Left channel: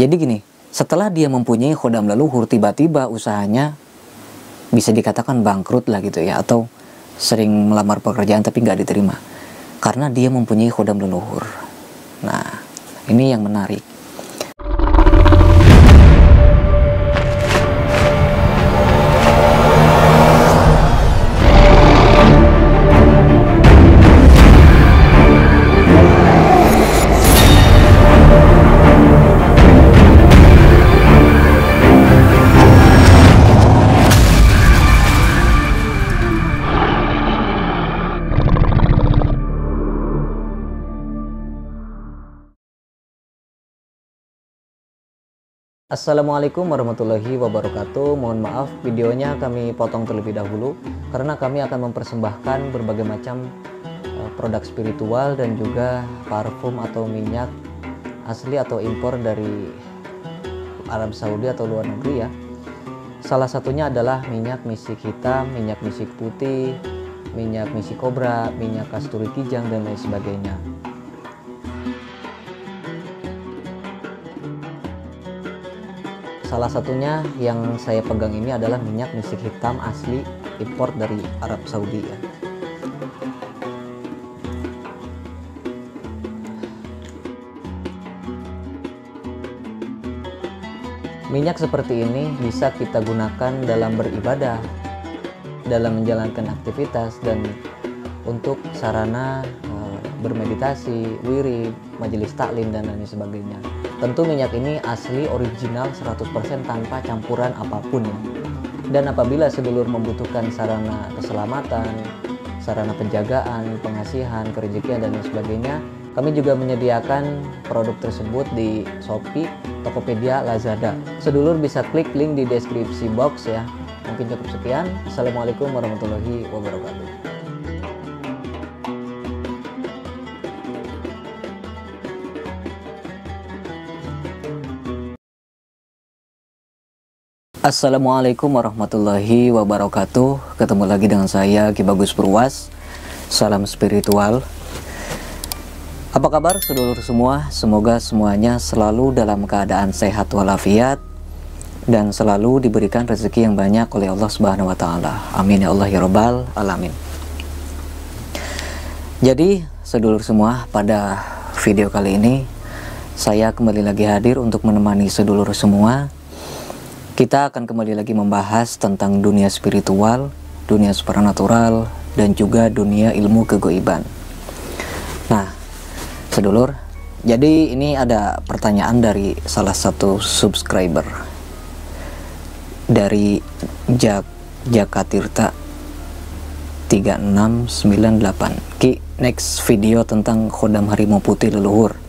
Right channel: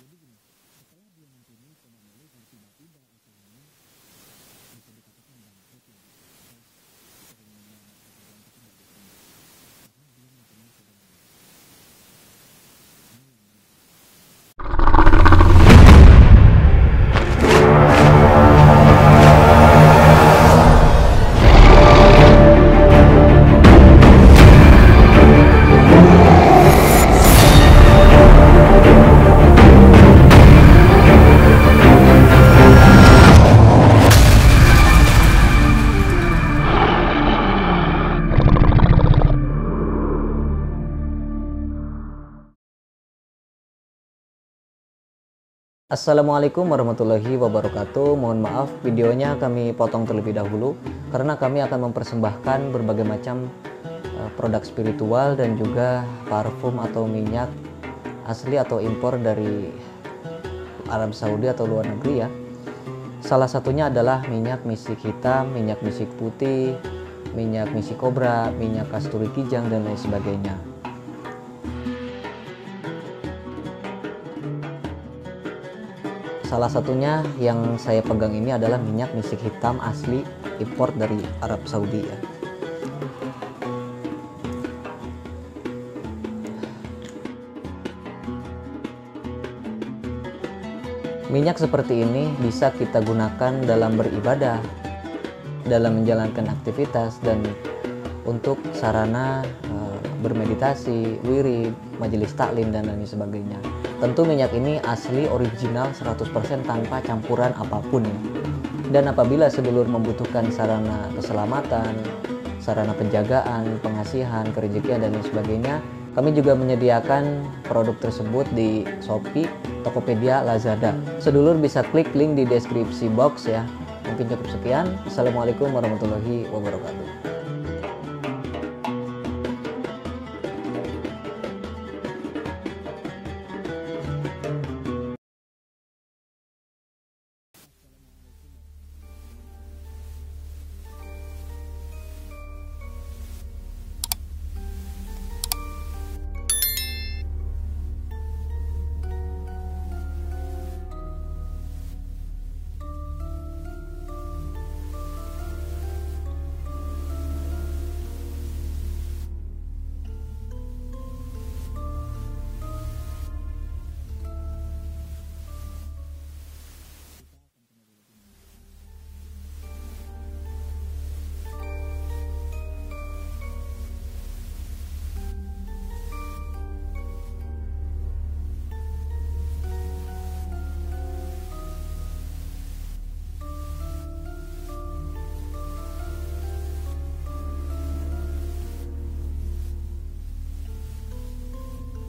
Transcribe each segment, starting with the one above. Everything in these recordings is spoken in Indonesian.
Jadi gini, setelah dia mempunyai khodam leluhur, tiba-tiba usahanya bisa dikatakan bangkrut lah gitu ya, atau sering melamar pekerjaan tapi nggak diterima karena dia mempunyai khodam leluhur. Nah, ini yang menarik. Assalamualaikum warahmatullahi wabarakatuh. Mohon maaf videonya kami potong terlebih dahulu karena kami akan mempersembahkan berbagai macam produk spiritual dan juga parfum atau minyak asli atau impor dari Arab Saudi atau luar negeri ya. Salah satunya adalah minyak misik hitam, minyak misik putih, minyak misik kobra, minyak kasturi kijang dan lain sebagainya. Salah satunya yang saya pegang ini adalah minyak misik hitam asli impor dari Arab Saudi ya. Minyak seperti ini bisa kita gunakan dalam beribadah, dalam menjalankan aktivitas, dan untuk sarana bermeditasi, wirid, majelis taklim dan lain sebagainya. Tentu minyak ini asli original 100% tanpa campuran apapun ya. Dan apabila sedulur membutuhkan sarana keselamatan, sarana penjagaan, pengasihan, kerejekian dan lain sebagainya, kami juga menyediakan produk tersebut di Shopee, Tokopedia, Lazada. Sedulur bisa klik link di deskripsi box ya. Mungkin cukup sekian. Assalamualaikum warahmatullahi wabarakatuh. Assalamualaikum warahmatullahi wabarakatuh. Ketemu lagi dengan saya Ki Bagus Purwas. Salam spiritual. Apa kabar sedulur semua? Semoga semuanya selalu dalam keadaan sehat walafiat dan selalu diberikan rezeki yang banyak oleh Allah Subhanahu wa taala. Amin ya Allah ya rabbal alamin. Jadi sedulur semua, pada video kali ini saya kembali lagi hadir untuk menemani sedulur semua. Kita akan kembali lagi membahas tentang dunia spiritual, dunia supranatural, dan juga dunia ilmu kegoiban. Nah, sedulur, jadi ini ada pertanyaan dari salah satu subscriber dari Jakatirta 3698. Ki, next video tentang khodam harimau putih leluhur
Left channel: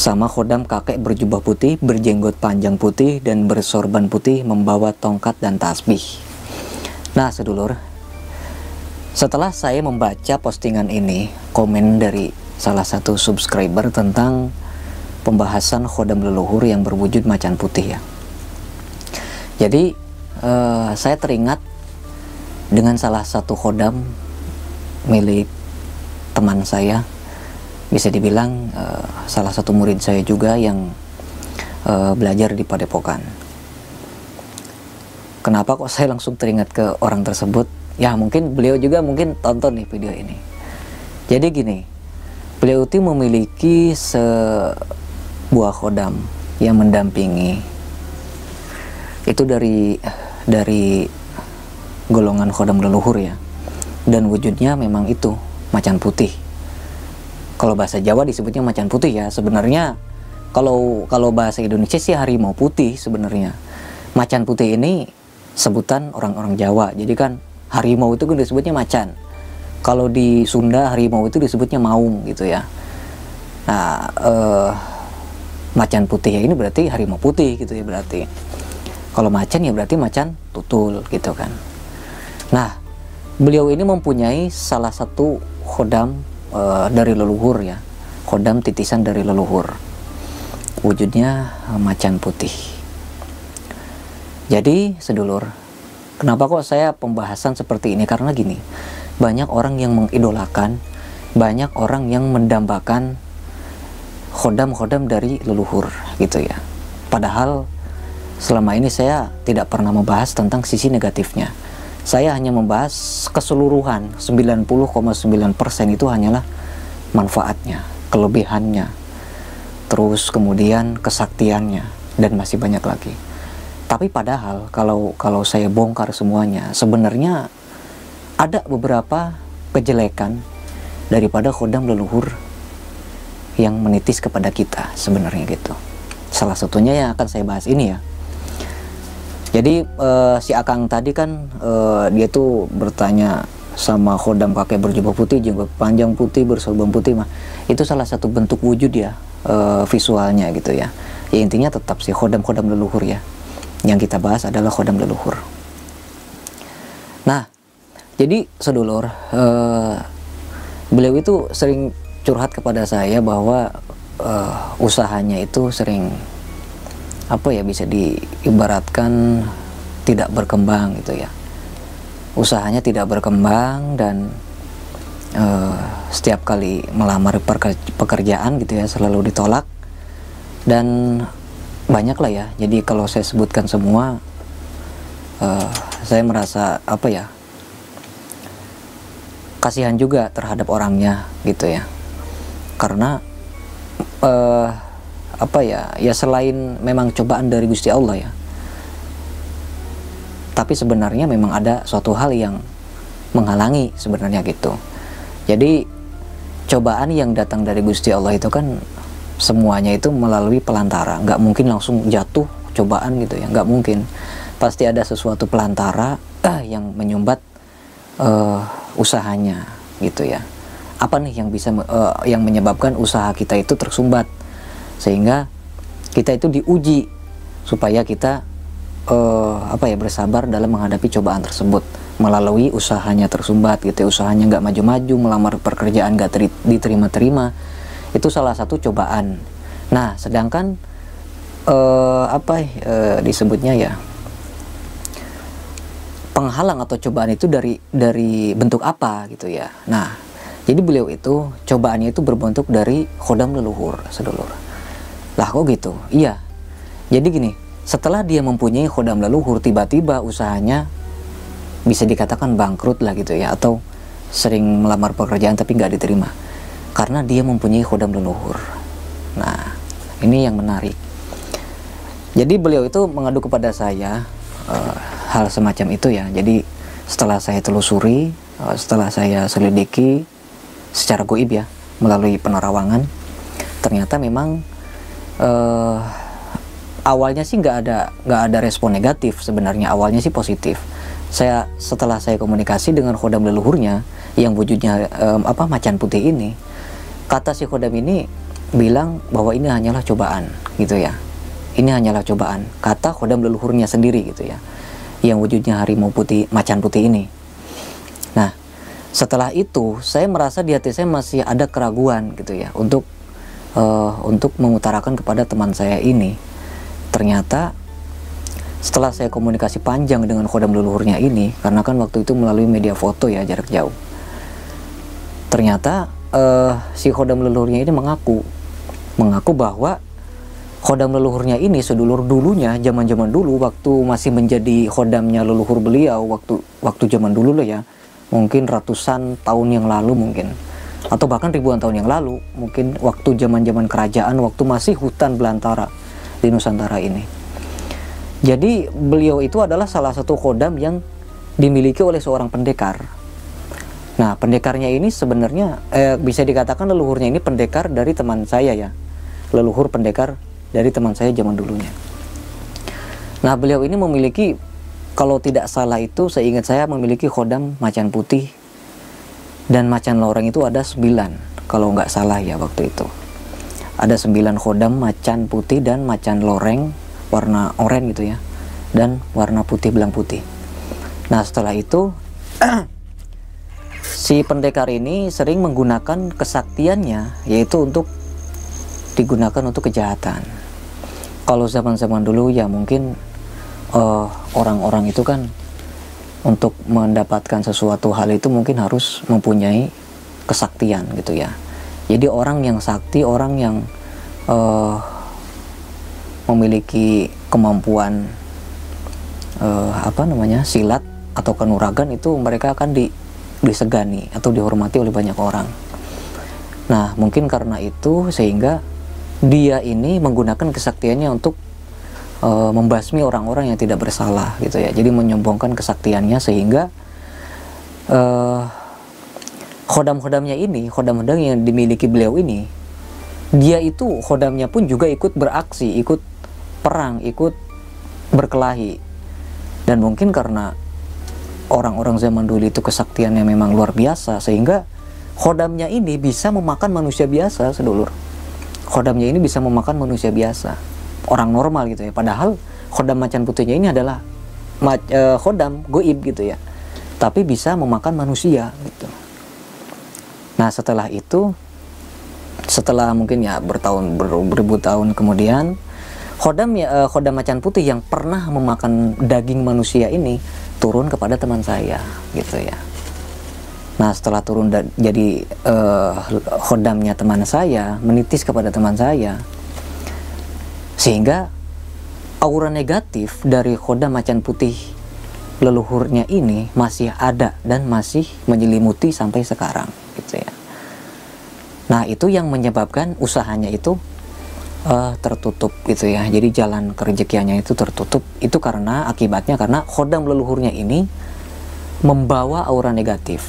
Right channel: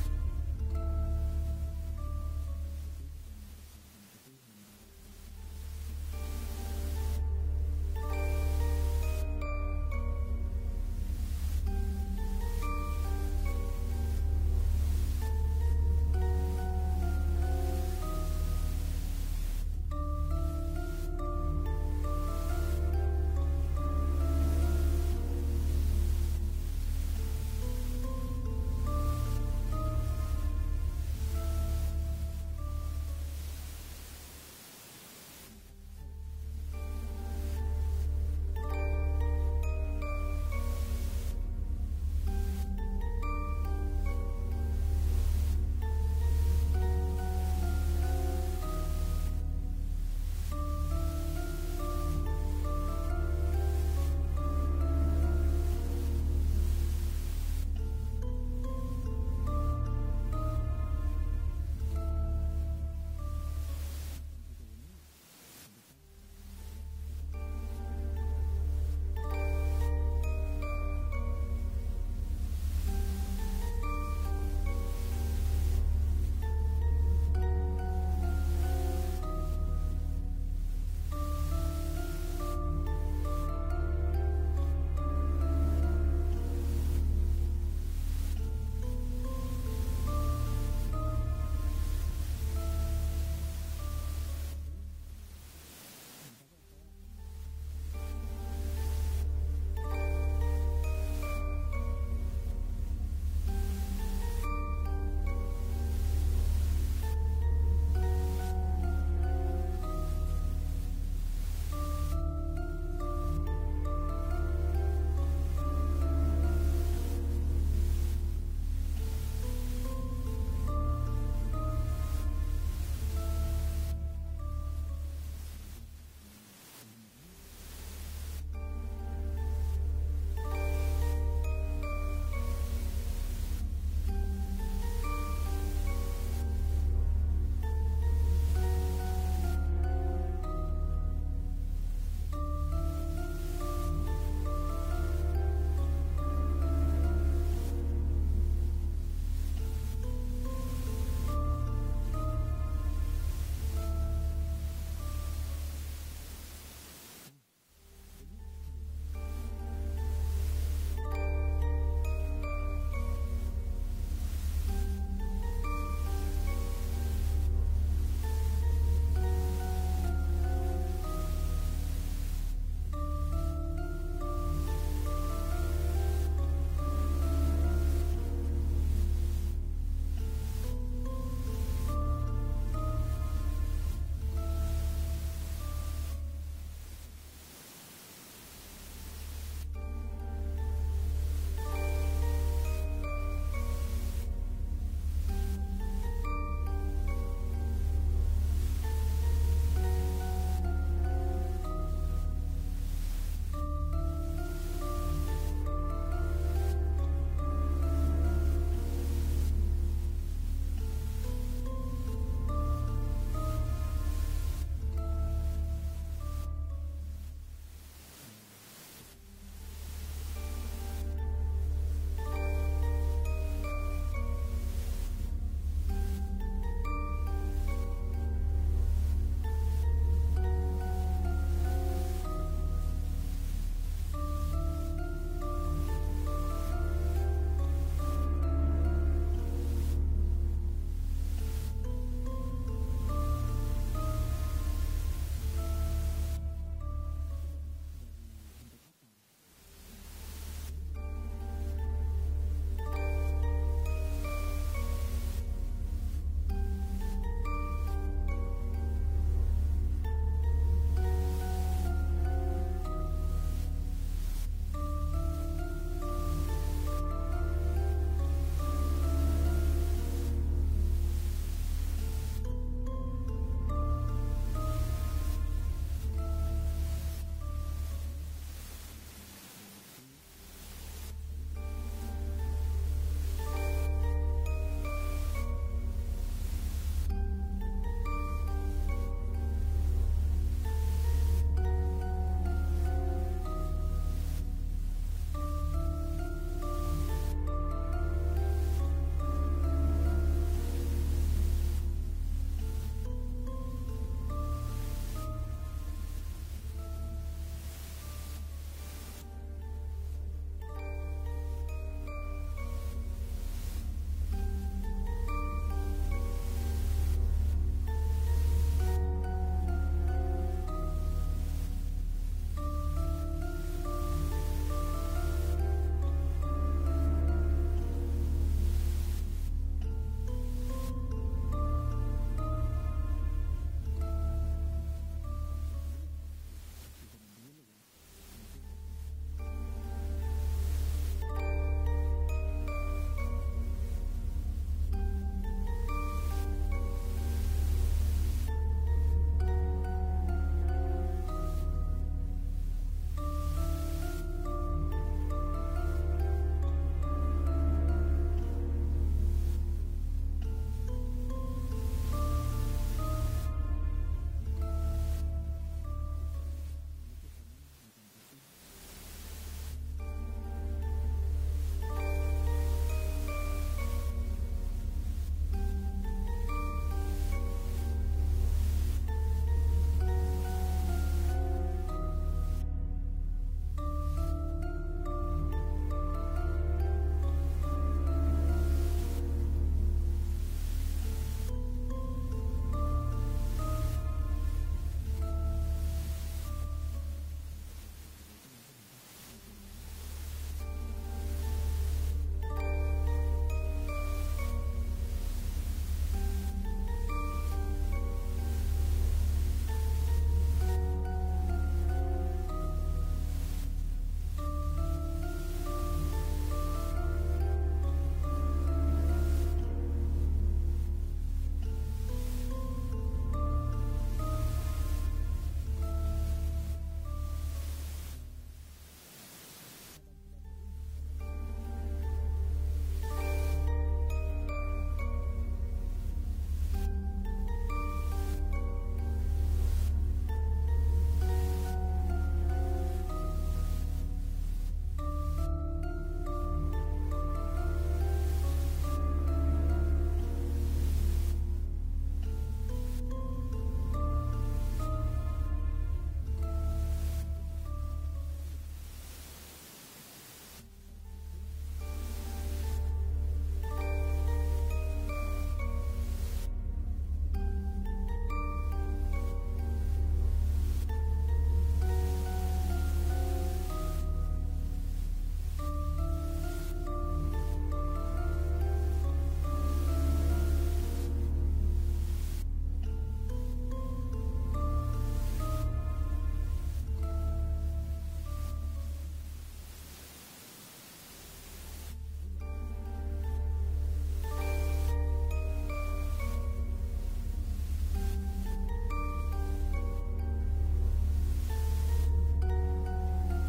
sama khodam kakek berjubah putih, berjenggot panjang putih, dan bersorban putih, membawa tongkat dan tasbih. Nah sedulur, setelah saya membaca postingan ini, komen dari salah satu subscriber tentang pembahasan khodam leluhur yang berwujud macan putih ya. Jadi saya teringat dengan salah satu khodam milik teman saya, bisa dibilang salah satu murid saya juga yang belajar di Padepokan. Kenapa kok saya langsung teringat ke orang tersebut? Ya mungkin beliau juga mungkin tonton nih video ini. Jadi gini, beliau itu memiliki sebuah khodam yang mendampingi. Itu dari golongan khodam leluhur ya. Dan wujudnya memang itu macan putih. Kalau bahasa Jawa disebutnya macan putih ya. Sebenarnya kalau bahasa Indonesia sih harimau putih sebenarnya. Macan putih ini sebutan orang-orang Jawa. Jadi kan harimau itu kan disebutnya macan. Kalau di Sunda harimau itu disebutnya maung gitu ya. Nah, macan putih ya ini berarti harimau putih gitu ya berarti. Kalau macan ya berarti macan tutul gitu kan. Nah, beliau ini mempunyai salah satu khodam dari leluhur ya, khodam titisan dari leluhur, wujudnya macan putih. Jadi sedulur, kenapa kok saya pembahasan seperti ini? Karena gini, banyak orang yang mengidolakan, banyak orang yang mendambakan khodam-khodam dari leluhur gitu ya. Padahal selama ini saya tidak pernah membahas tentang sisi negatifnya. Saya hanya membahas keseluruhan, 90,9% itu hanyalah manfaatnya, kelebihannya, terus kemudian kesaktiannya, dan masih banyak lagi. Tapi padahal kalau saya bongkar semuanya, sebenarnya ada beberapa kejelekan daripada khodam leluhur yang menitis kepada kita sebenarnya gitu. Salah satunya yang akan saya bahas ini ya. Jadi si Akang tadi kan dia tuh bertanya sama khodam pakai berjubah putih, jenggot panjang putih, bersorban putih mah. Itu salah satu bentuk wujud ya, visualnya gitu ya. Ya intinya tetap si khodam-khodam leluhur ya. Yang kita bahas adalah khodam leluhur. Nah, jadi sedulur, beliau itu sering curhat kepada saya bahwa usahanya itu sering bisa diibaratkan tidak berkembang gitu ya. Usahanya tidak berkembang dan setiap kali melamar pekerjaan gitu ya selalu ditolak, dan banyak lah ya. Jadi kalau saya sebutkan semua, saya merasa kasihan juga terhadap orangnya gitu ya. Karena ya selain memang cobaan dari Gusti Allah ya, tapi sebenarnya memang ada suatu hal yang menghalangi sebenarnya gitu. Jadi cobaan yang datang dari Gusti Allah itu kan semuanya itu melalui pelantara, nggak mungkin langsung jatuh cobaan gitu ya, nggak mungkin. Pasti ada sesuatu pelantara yang menyumbat usahanya gitu ya. Apa nih yang bisa yang menyebabkan usaha kita itu tersumbat, sehingga kita itu diuji supaya kita bersabar dalam menghadapi cobaan tersebut melalui usahanya tersumbat gitu. Usahanya nggak maju-maju, melamar pekerjaan nggak diterima-terima, itu salah satu cobaan. Nah, sedangkan disebutnya ya penghalang atau cobaan itu dari bentuk apa gitu ya. Nah, jadi beliau itu cobaannya itu berbentuk dari khodam leluhur, sedulur. Lah kok gitu? Iya. Jadi gini, setelah dia mempunyai khodam leluhur, tiba-tiba usahanya bisa dikatakan bangkrut lah gitu ya, atau sering melamar pekerjaan tapi nggak diterima karena dia mempunyai khodam leluhur. Nah, ini yang menarik. Jadi beliau itu mengadu kepada saya hal semacam itu ya. Jadi setelah saya telusuri, setelah saya selidiki secara goib ya, melalui penerawangan, ternyata memang awalnya sih nggak ada respon negatif sebenarnya. Awalnya sih positif. Setelah saya komunikasi dengan khodam leluhurnya yang wujudnya macan putih ini, kata si khodam ini bilang bahwa ini hanyalah cobaan gitu ya. Ini hanyalah cobaan, kata khodam leluhurnya sendiri gitu ya, yang wujudnya harimau putih, macan putih ini. Nah, setelah itu saya merasa di hati saya masih ada keraguan gitu ya untuk mengutarakan kepada teman saya ini. Ternyata setelah saya komunikasi panjang dengan khodam leluhurnya ini, karena kan waktu itu melalui media foto ya, jarak jauh, ternyata si khodam leluhurnya ini mengaku bahwa khodam leluhurnya ini sedulur dulunya, zaman dulu waktu masih menjadi khodamnya leluhur beliau, waktu zaman dulu loh ya, mungkin ratusan tahun yang lalu mungkin, atau bahkan ribuan tahun yang lalu, mungkin waktu zaman kerajaan, waktu masih hutan belantara di Nusantara ini. Jadi beliau itu adalah salah satu khodam yang dimiliki oleh seorang pendekar. Nah, pendekarnya ini sebenarnya bisa dikatakan leluhurnya ini pendekar dari teman saya ya, leluhur pendekar dari teman saya zaman dulunya. Nah, beliau ini memiliki, kalau tidak salah itu seingat saya, memiliki khodam macan putih dan macan loreng itu ada 9, kalau nggak salah ya waktu itu. Ada 9 khodam macan putih dan macan loreng warna oranye gitu ya, dan warna putih belang putih. Nah, setelah itu si pendekar ini sering menggunakan kesaktiannya, yaitu digunakan untuk kejahatan. Kalau zaman dulu ya mungkin orang-orang itu kan untuk mendapatkan sesuatu hal itu mungkin harus mempunyai kesaktian gitu ya. Jadi orang yang sakti, orang yang memiliki kemampuan silat atau kanuragan, itu mereka akan disegani atau dihormati oleh banyak orang. Nah, mungkin karena itu sehingga dia ini menggunakan kesaktiannya untuk membasmi orang-orang yang tidak bersalah gitu ya. Jadi menyombongkan kesaktiannya sehingga khodam-khodamnya ini, khodam-khodam yang dimiliki beliau ini, dia itu khodamnya pun juga ikut beraksi, ikut perang, ikut berkelahi. Dan mungkin karena orang-orang zaman dulu itu kesaktiannya memang luar biasa, sehingga khodamnya ini bisa memakan manusia biasa, sedulur. Khodamnya ini bisa memakan manusia biasa, orang normal gitu ya. Padahal khodam macan putihnya ini adalah khodam goib gitu ya, tapi bisa memakan manusia gitu. Nah, setelah itu, setelah mungkin ya beribu tahun kemudian, khodam macan putih yang pernah memakan daging manusia ini turun kepada teman saya gitu ya. Nah, setelah turun jadi khodamnya teman saya, menitis kepada teman saya, sehingga aura negatif dari khodam macan putih leluhurnya ini masih ada dan masih menyelimuti sampai sekarang gitu ya. Nah, itu yang menyebabkan usahanya itu tertutup gitu ya. Jadi jalan kerejekiannya itu tertutup. Itu akibatnya karena khodam leluhurnya ini membawa aura negatif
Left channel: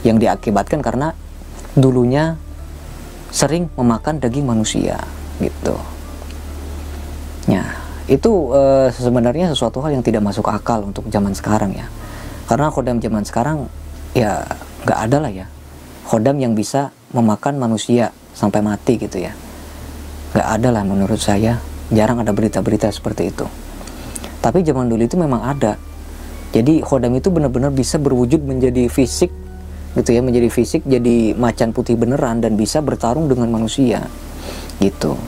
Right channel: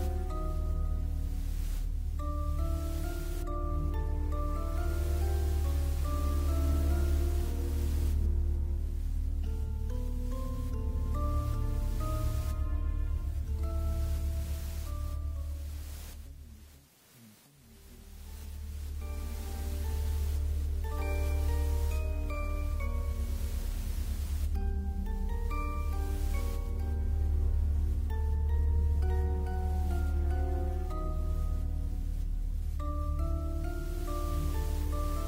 yang diakibatkan karena dulunya sering memakan daging manusia gitu. Nah, itu sebenarnya sesuatu hal yang tidak masuk akal untuk zaman sekarang ya. Karena khodam zaman sekarang ya nggak ada lah ya khodam yang bisa memakan manusia sampai mati gitu ya. Nggak ada lah menurut saya, jarang ada berita-berita seperti itu. Tapi zaman dulu itu memang ada. Jadi khodam itu benar-benar bisa berwujud menjadi fisik gitu ya, menjadi fisik, jadi macan putih beneran dan bisa bertarung dengan manusia gitu.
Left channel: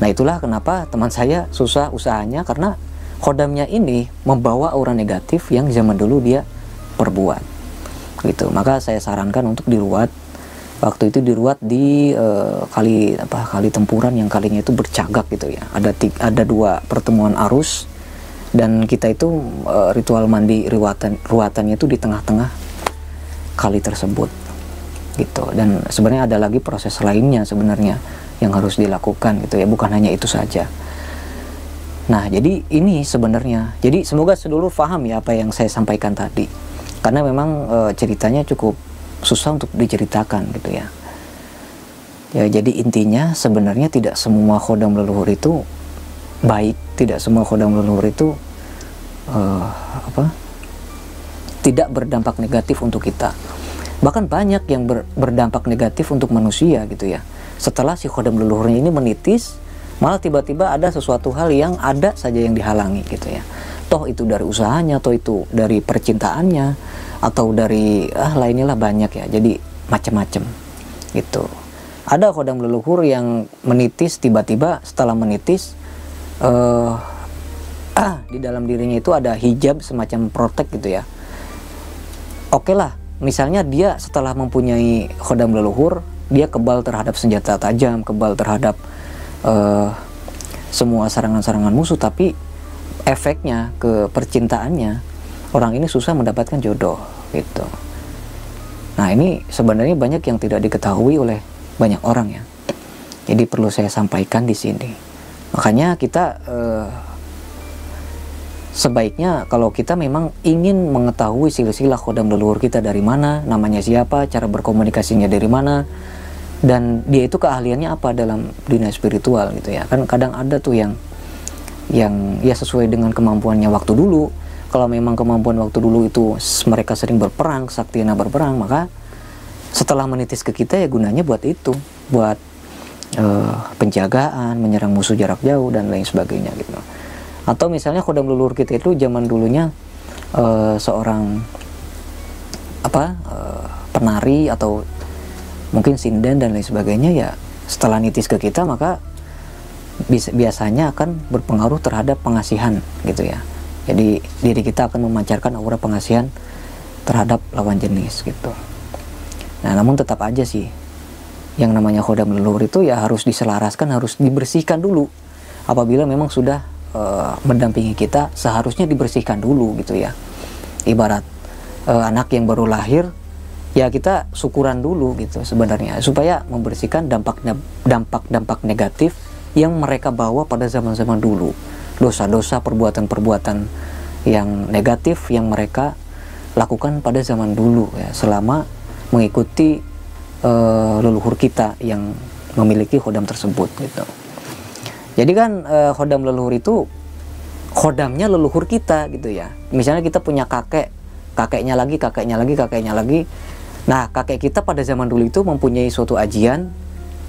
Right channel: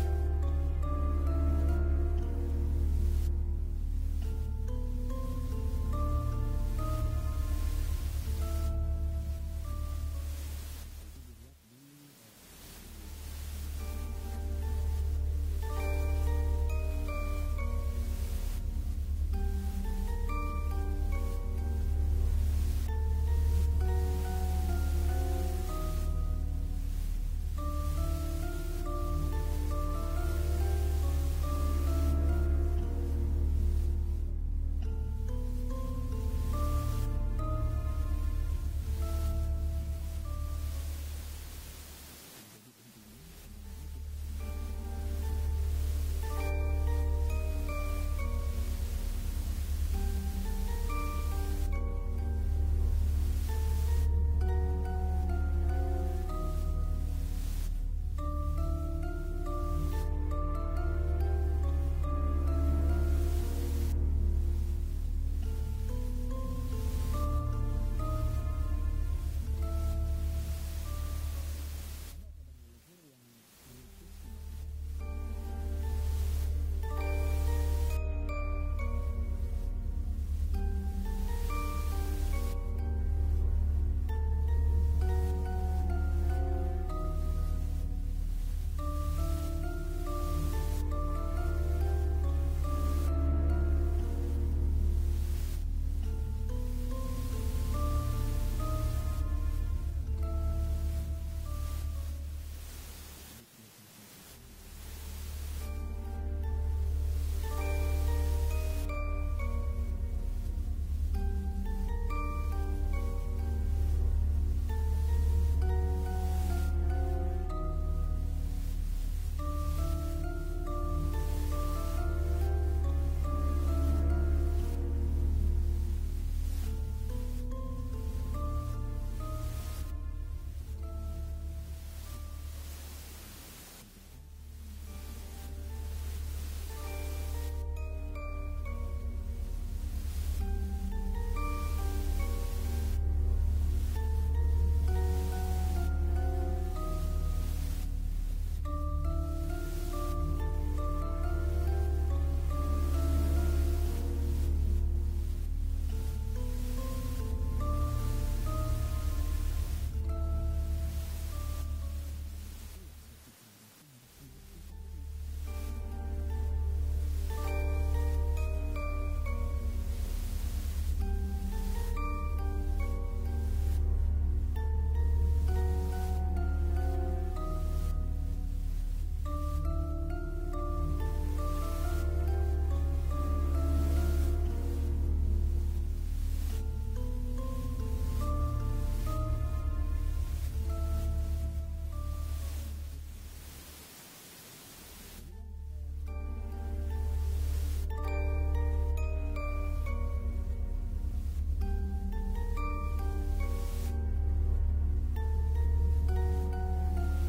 Nah, itulah kenapa teman saya susah usahanya, karena khodamnya ini membawa aura negatif yang zaman dulu dia perbuat gitu. Maka saya sarankan untuk diruat. Waktu itu diruat di kali Tempuran yang kalinya itu bercagak gitu ya. Ada 2 pertemuan arus, dan kita itu ritual mandi ruatannya itu di tengah-tengah kali tersebut gitu. Dan sebenarnya ada lagi proses lainnya sebenarnya yang harus dilakukan gitu ya, bukan hanya itu saja. Nah, jadi ini sebenarnya, jadi semoga sedulur paham ya apa yang saya sampaikan tadi, karena memang ceritanya cukup susah untuk diceritakan gitu ya. Ya, jadi intinya sebenarnya tidak semua khodam leluhur itu baik, tidak semua khodam leluhur itu tidak berdampak negatif untuk kita. Bahkan banyak yang berdampak negatif untuk manusia gitu ya. Setelah si khodam leluhurnya ini menitis, malah tiba-tiba ada sesuatu hal yang ada saja yang dihalangi gitu ya. Toh itu dari usahanya, toh itu dari percintaannya, atau dari lainnya lah, banyak ya. Jadi macam-macam gitu. Ada khodam leluhur yang menitis, tiba-tiba setelah menitis di dalam dirinya itu ada hijab semacam protek gitu ya. Oke lah, misalnya dia setelah mempunyai khodam leluhur, dia kebal terhadap senjata tajam, kebal terhadap semua serangan-serangan musuh, tapi efeknya ke percintaannya, orang ini susah mendapatkan jodoh gitu. Nah, ini sebenarnya banyak yang tidak diketahui oleh banyak orang ya. Jadi perlu saya sampaikan di sini. Makanya kita sebaiknya kalau kita memang ingin mengetahui silsilah khodam leluhur kita dari mana, namanya siapa, cara berkomunikasinya dari mana, dan dia itu keahliannya apa dalam dunia spiritual gitu ya. Kan kadang ada tuh yang ya sesuai dengan kemampuannya waktu dulu. Kalau memang kemampuan waktu dulu itu mereka sering berperang, saktiana berperang, maka setelah menitis ke kita ya gunanya buat itu, buat penjagaan, menyerang musuh jarak jauh dan lain sebagainya gitu. Atau misalnya khodam leluhur kita itu zaman dulunya seorang penari atau mungkin sinden dan lain sebagainya, ya setelah nitis ke kita maka biasanya akan berpengaruh terhadap pengasihan gitu ya. Jadi diri kita akan memancarkan aura pengasihan terhadap lawan jenis gitu. Nah, namun tetap aja sih yang namanya khodam leluhur itu ya harus diselaraskan, harus dibersihkan dulu. Apabila memang sudah mendampingi kita, seharusnya dibersihkan dulu gitu ya. Ibarat anak yang baru lahir, ya kita syukuran dulu gitu sebenarnya, supaya membersihkan dampak negatif yang mereka bawa pada zaman-zaman dulu, dosa-dosa, perbuatan-perbuatan yang negatif yang mereka lakukan pada zaman dulu ya, selama mengikuti leluhur kita yang memiliki khodam tersebut gitu. Jadi kan khodam leluhur itu khodamnya leluhur kita gitu ya. Misalnya kita punya kakeknya lagi. Nah, kakek kita pada zaman dulu itu mempunyai suatu ajian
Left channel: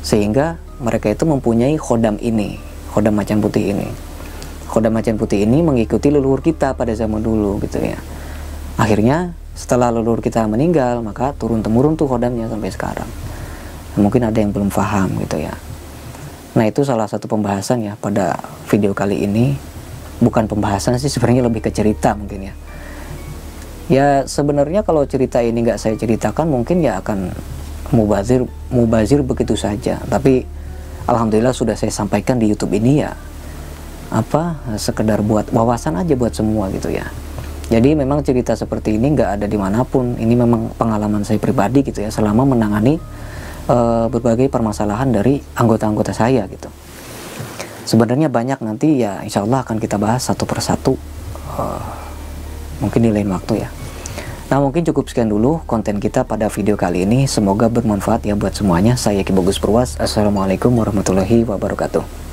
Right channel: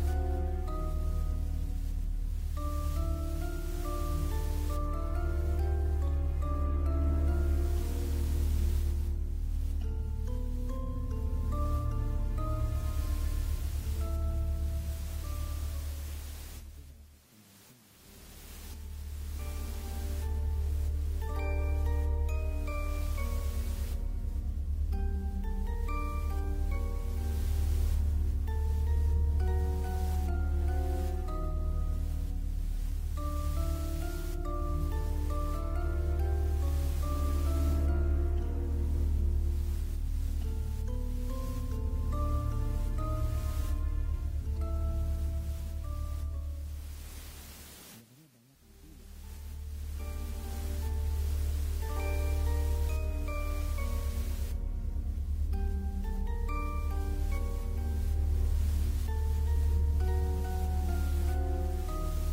sehingga mereka itu mempunyai khodam ini, khodam macan putih ini. Khodam macan putih ini mengikuti leluhur kita pada zaman dulu gitu ya. Akhirnya setelah leluhur kita meninggal, maka turun-temurun tuh khodamnya sampai sekarang. Nah, mungkin ada yang belum paham gitu ya. Nah, itu salah satu pembahasan ya pada video kali ini. Bukan pembahasan sih, sebenarnya lebih ke cerita mungkin ya. Ya sebenarnya kalau cerita ini nggak saya ceritakan mungkin ya akan mubazir begitu saja. Tapi alhamdulillah sudah saya sampaikan di YouTube ini ya, sekedar buat wawasan aja buat semua gitu ya. Jadi memang cerita seperti ini nggak ada dimanapun. Ini memang pengalaman saya pribadi gitu ya, selama menangani berbagai permasalahan dari anggota-anggota saya gitu. Sebenarnya banyak, nanti ya insya Allah akan kita bahas satu persatu, mungkin di lain waktu ya. Nah, mungkin cukup sekian dulu konten kita pada video kali ini. Semoga bermanfaat ya buat semuanya. Saya Ki Bagus Purwas. Assalamualaikum warahmatullahi wabarakatuh.